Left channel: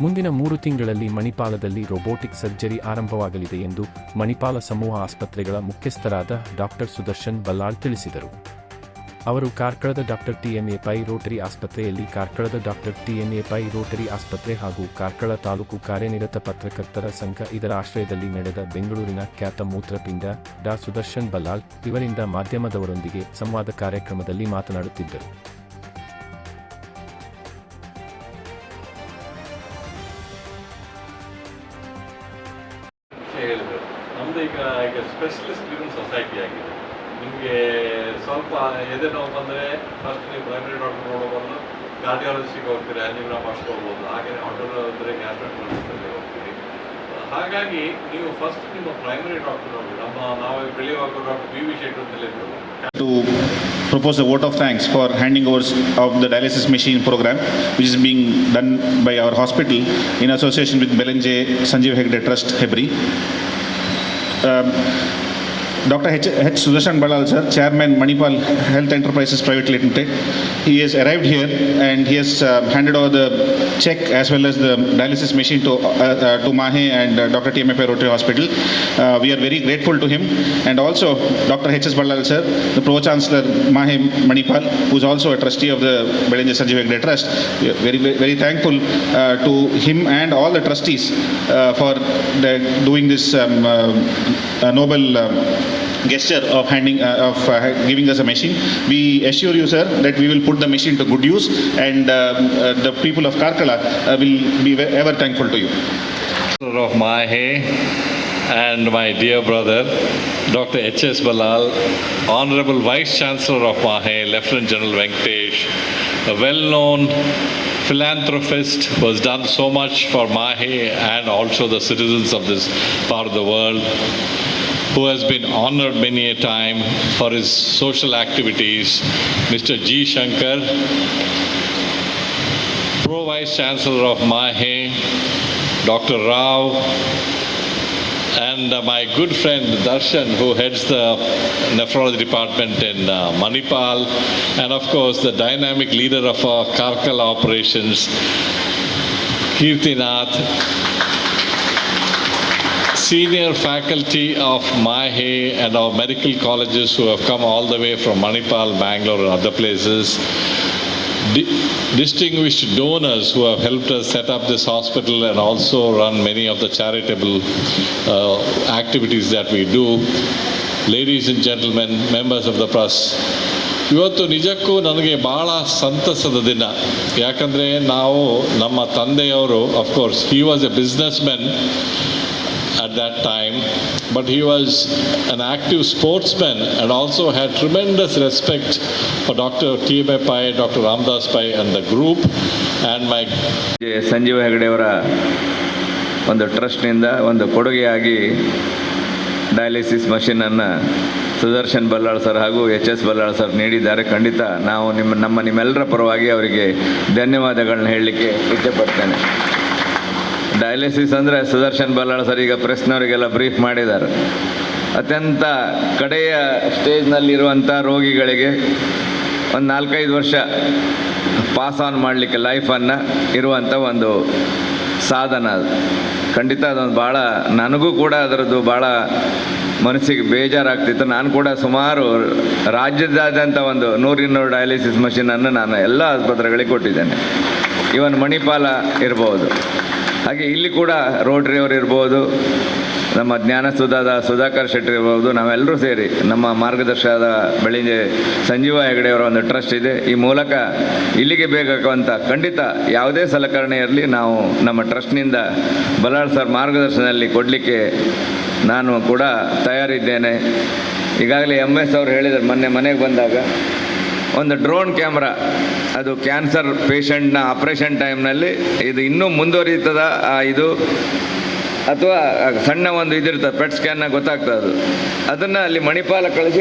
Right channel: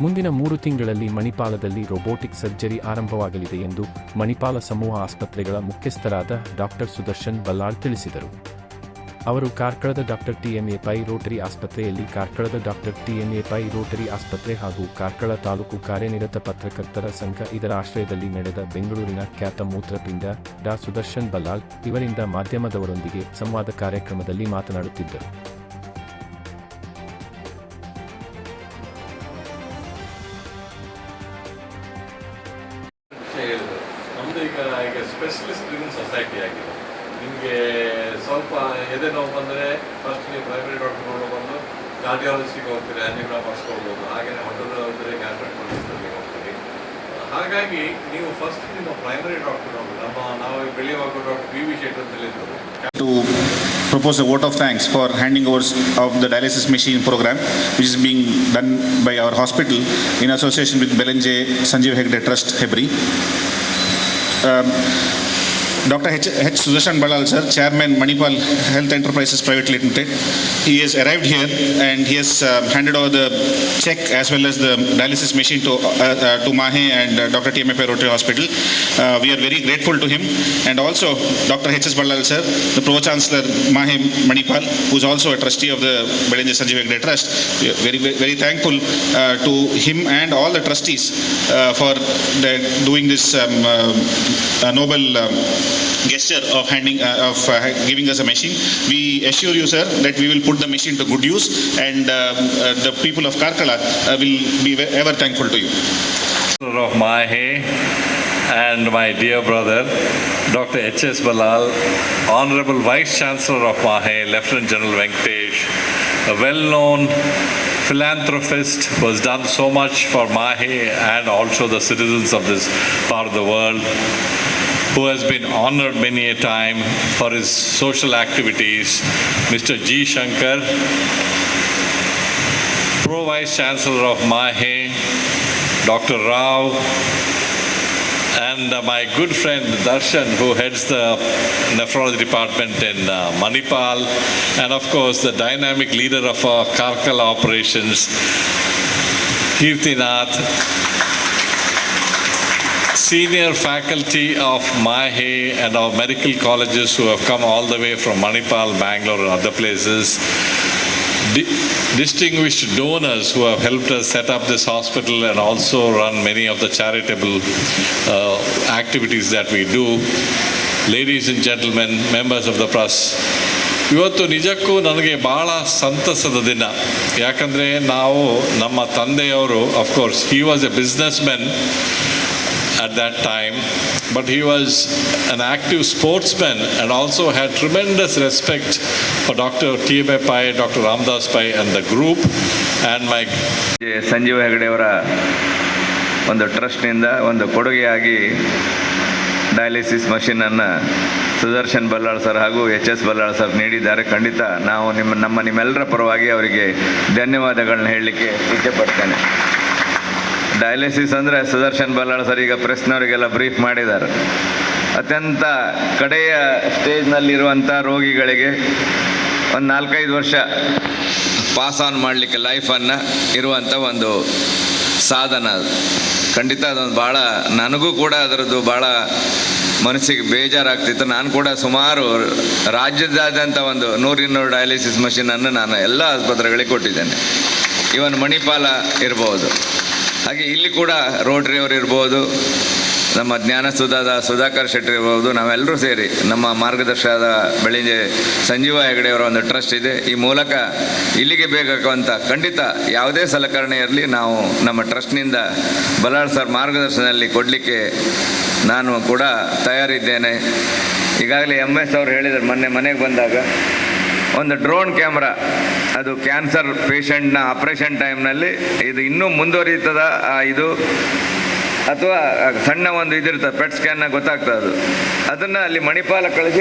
ಮುಂದಿನ ಮೂರು ತಿಂಗಳಲ್ಲಿ ಮಣಿಪಾಲದಲ್ಲಿ ರೋಬೋಟಿಕ್ ಸರ್ಜರಿ ಆರಂಭವಾಗಲಿದೆ ಎಂದು ಮಣಿಪಾಲ ಸಮೂಹ ಆಸ್ಪತ್ರೆಗಳ ಮುಖ್ಯಸ್ಥರಾದ ಡಾಕ್ಟರ್ ಸುದರ್ಶನ್ ಬಲ್ಲಾಳ್ ತಿಳಿಸಿದರು. ಅವರು ಕಾರ್ಕಳದ ಡಾಕ್ಟರ್ ಟಿಎಂಎ ಪೈ ರೋಟರಿ ಆಸ್ಪತ್ರೆಯಲ್ಲಿ ಕಾರ್ಕಳದ ಡಾಕ್ಟರ್ ಟಿಎಂಎ ಪೈ ರೋಟರಿ ಆಸ್ಪತ್ರೆ ಹಾಗೂ ಕಾರ್ಕಳ ತಾಲೂಕು ಕಾರ್ಯನಿರತ ಪತ್ರಕರ್ತರ ಸಂಘ ಇದರ ಆಶ್ರಯದಲ್ಲಿ ನಡೆದ ಬೆಂಗಳೂರಿನ ಖ್ಯಾತ ಮೂತ್ರಪಿಂಡ ಡಾ ಸುದರ್ಶನ್ ಬಲ್ಲಾಳ್ ಇವರಿಂದ ಮಾಧ್ಯಮದವರೊಂದಿಗೆ ಸಂವಾದ ಕಾರ್ಯಕ್ರಮದಲ್ಲಿ ಮಾತನಾಡುತ್ತಿದ್ದರು. ವಿಷಯ ಹೇಳಿದ್ರು. ನಮ್ದು ಈಗ ಈಗ ಸ್ಪೆಷಲಿಸ್ಟ್ ಡ್ರಿವನ್ ಸೊಸೈಟಿ ಆಗಿದೆ. ನಿಮಗೆ ಸ್ವಲ್ಪ ಎದೆ ನೋವು ಬಂದರೆ ಫಸ್ಟ್ ನೀವು ಪ್ರೈಮರಿ ಡಾಕ್ಟರ್ ನೋಡೋ ಬಂದು ಕಾರ್ಡಿಯಾಲಜಿಸ್ಟಿಗೆ ಹೋಗ್ತೀರಿ ಆ್ಯನಿಗ್ರಾಮ್ ಮಾಡಿಸ್ಕೊಳ್ಬೋದು. ಹಾಗೆಯೇ ಹೊಟ್ಟೆ ಅಂದರೆ ಗ್ಯಾಸ್ಟ್ರಿಕ್ ಹೋಗ್ತೀರಿ. ಹಾಗಾಗಿ ನೀವು ಫಸ್ಟ್ ನಿಮ್ಮ ಪ್ರೈಮರಿ ಡಾಕ್ಟರ್ ನಮ್ಮ ನಾವು ಬೆಳೆಯುವಾಗ doctor B V Shetty to propose a vote of thanks for handing over of the dialysis machine program, which is being done by our hospital in association with Belenje Sanjeev Hegde Trust, Hebri. Um, Dr. H. H. Sudarshan Balal, sir, Chairman Manipal Health Enterprises Private Limited. He has arrived here and he has uh, handed over the check as well as the dialysis machine to, uh, uh, to Mahe and uh, Dr. TMF Rotary Hospital. Uh, we are very grateful to him and also Dr. H. S. Balal, sir, the Pro Chancellor Mahe Manipal, who is also a trustee of the Belenje Sanjeev Trust. We are very, very, thankful uh, to him and all the trustees uh, for the, doing this um, uh, noble um, gesture of handing uh, of uh, giving us a machine. We assure you, sir, that we will put the machine to good use, and um, uh, the people of Karkala uh, will be ever thankful to you. of Mahe and my dear brother, Dr. H.S. Balal, Honorable Vice Chancellor of Mahe, Lieutenant General Venkatesh, a well-known philanthropist who has done so much for Mahe and also the citizens of this part of the world, who has been honored many a time for his social activities, Mr. G. Shankar, Pro Vice Chancellor of Mahe, Dr. Rao, and uh, my good friend Darshan, who heads the nephrology department in uh, Manipal, and of course the dynamic leader of our Karkala operations, Kirtinath, senior faculty of Mahe and our medical colleges who have come all the way from Manipal, Bangalore, and other places. Di- distinguished donors who have helped us set up this hospital and also run many of the charitable uh, activities that we do. Ladies and gentlemen, members of the press, ಇವತ್ತು ನಿಜಕ್ಕೂ ನನಗೆ ಭಾಳ ಸಂತಸದ ದಿನ ಯಾಕಂದರೆ ನಾವು ನಮ್ಮ ತಂದೆಯವರು of course he was a businessmen at that time, but he was an active sportsman and also had tremendous respect for Dr. T.B. Pai, Dr. Ramdas Pai and the group and my. Sanjeeva ಹೆಗಡೆಯವರ ಒಂದು ಟ್ರಸ್ಟ್ನಿಂದ ಒಂದು ಕೊಡುಗೆಯಾಗಿ dialysis ಮಷಿನನ್ನು Sudarshan Ballal sir ಹಾಗೂ H S Ballal sir ನೀಡಿದ್ದಾರೆ ಖಂಡಿತ ನಾವು ನಿಮ್ಮ ನಮ್ಮ ನಿಮ್ಮೆಲ್ಲರ ಪರವಾಗಿ ಅವರಿಗೆ ಧನ್ಯವಾದಗಳನ್ನ ಹೇಳಲಿಕ್ಕೆ ಇಚ್ಛೆಪಡ್ತೇನೆ ಡಯಾಲಿಸಿಸ್ ಅಂದರೆ ಸುದರ್ಶನ್ ಬಲ್ಲಾಳ್ ಸರ್ ಈಗ ಪ್ರೆಸ್ನವರಿಗೆಲ್ಲ ಬ್ರೀಫ್ ಮಾಡಿದ್ದಾರೆ. ಅತ್ಯಂತ ಕಡೆಯ ಸ್ಟೇಜ್ನಲ್ಲಿರುವಂಥ ರೋಗಿಗಳಿಗೆ ಒಂದು ನಾಲ್ಕೈದು ವರ್ಷ ಪಾಸ್ ಆನ್ ಮಾಡಲಿಕ್ಕೆ ಲೈಫನ್ನು ಇರುವಂಥ ಒಂದು ಸಾಧನ. ಅದು ಖಂಡಿತ ಅದೊಂದು ಭಾಳ ನನಗೂ ಕೂಡ ಅದರದ್ದು ಭಾಳ ಮನಸ್ಸಿಗೆ ಬೇಜಾರಾಗ್ತಿತ್ತು. ನಾನು ಕೂಡ ಸುಮಾರು ರಾಜ್ಯದಾದ್ಯಂತ ಒಂದು ನೂರಿನ್ನೂರು ಡಯಾಲಿಸಿಸ್ ಮಷಿನನ್ನು ನಾನು ಎಲ್ಲ ಆಸ್ಪತ್ರೆಗಳಿಗೆ ಕೊಟ್ಟಿದ್ದೇನೆ. ಇವನ್ ಮಣಿಪಾಲ ಇರ್ಬೋದು. ಹಾಗೆ ಇಲ್ಲಿ ಕೂಡ ರೋಟ್ರಿಯವರು ಇರ್ಬೋದು, ನಮ್ಮ ಜ್ಞಾನಸುಧಾದ ಸುಧಾಕರ್ ಶೆಟ್ಟಿ ಇರ್ಬೋದು, ನಾವೆಲ್ಲರೂ ಸೇರಿ ನಮ್ಮ ಮಾರ್ಗದರ್ಶಕದ ಬೆಳಿಗ್ಗೆ ಸಂಜೀವ ಹೆಗಡೆಯವರ ಒಂದು ಟ್ರಸ್ಟ್ ಇದೆ. ಈ ಮೂಲಕ ಇಲ್ಲಿಗೆ ಬೇಕಾಗುವಂಥ ಖಂಡಿತ ಯಾವುದೇ ಸಲಕರಣೆ ಇರಲಿ, ನಾವು ನಮ್ಮ ಟ್ರಸ್ಟ್ನಿಂದ ಬಲಾಳ್ ಸರ್ ಮಾರ್ಗದರ್ಶನದಲ್ಲಿ ಕೊಡಲಿಕ್ಕೆ ನಾನು ಕೂಡ ತಯಾರಿದ್ದೇನೆ. ಈಗಾಗಲೇ ಎಂ ಎಸ್ ಅವರು ಹೇಳಿದರು, ಮೊನ್ನೆ ಮನೆಗೆ ಬಂದಾಗ, ಒಂದು ಡ್ರೋನ್ ಕ್ಯಾಮ್ರಾ ಅದು ಕ್ಯಾನ್ಸರ್ ಪೇಷಂಟ್ನ ಆಪ್ರೇಷನ್ ಟೈಮ್ನಲ್ಲಿ ಇದು ಇನ್ನೂ ಮುಂದುವರಿತದ ಇದು ಅಥವಾ ಸಣ್ಣ ಒಂದು ಇದಿರ್ತದೆ ಪೆಟ್ ಸ್ಕ್ಯಾನ್ನ ಗೊತ್ತಾಗ್ತದೆ ಅದು? ಅದನ್ನು ಅಲ್ಲಿ ಮಣಿಪಾಲ ಕಳಿಸಿ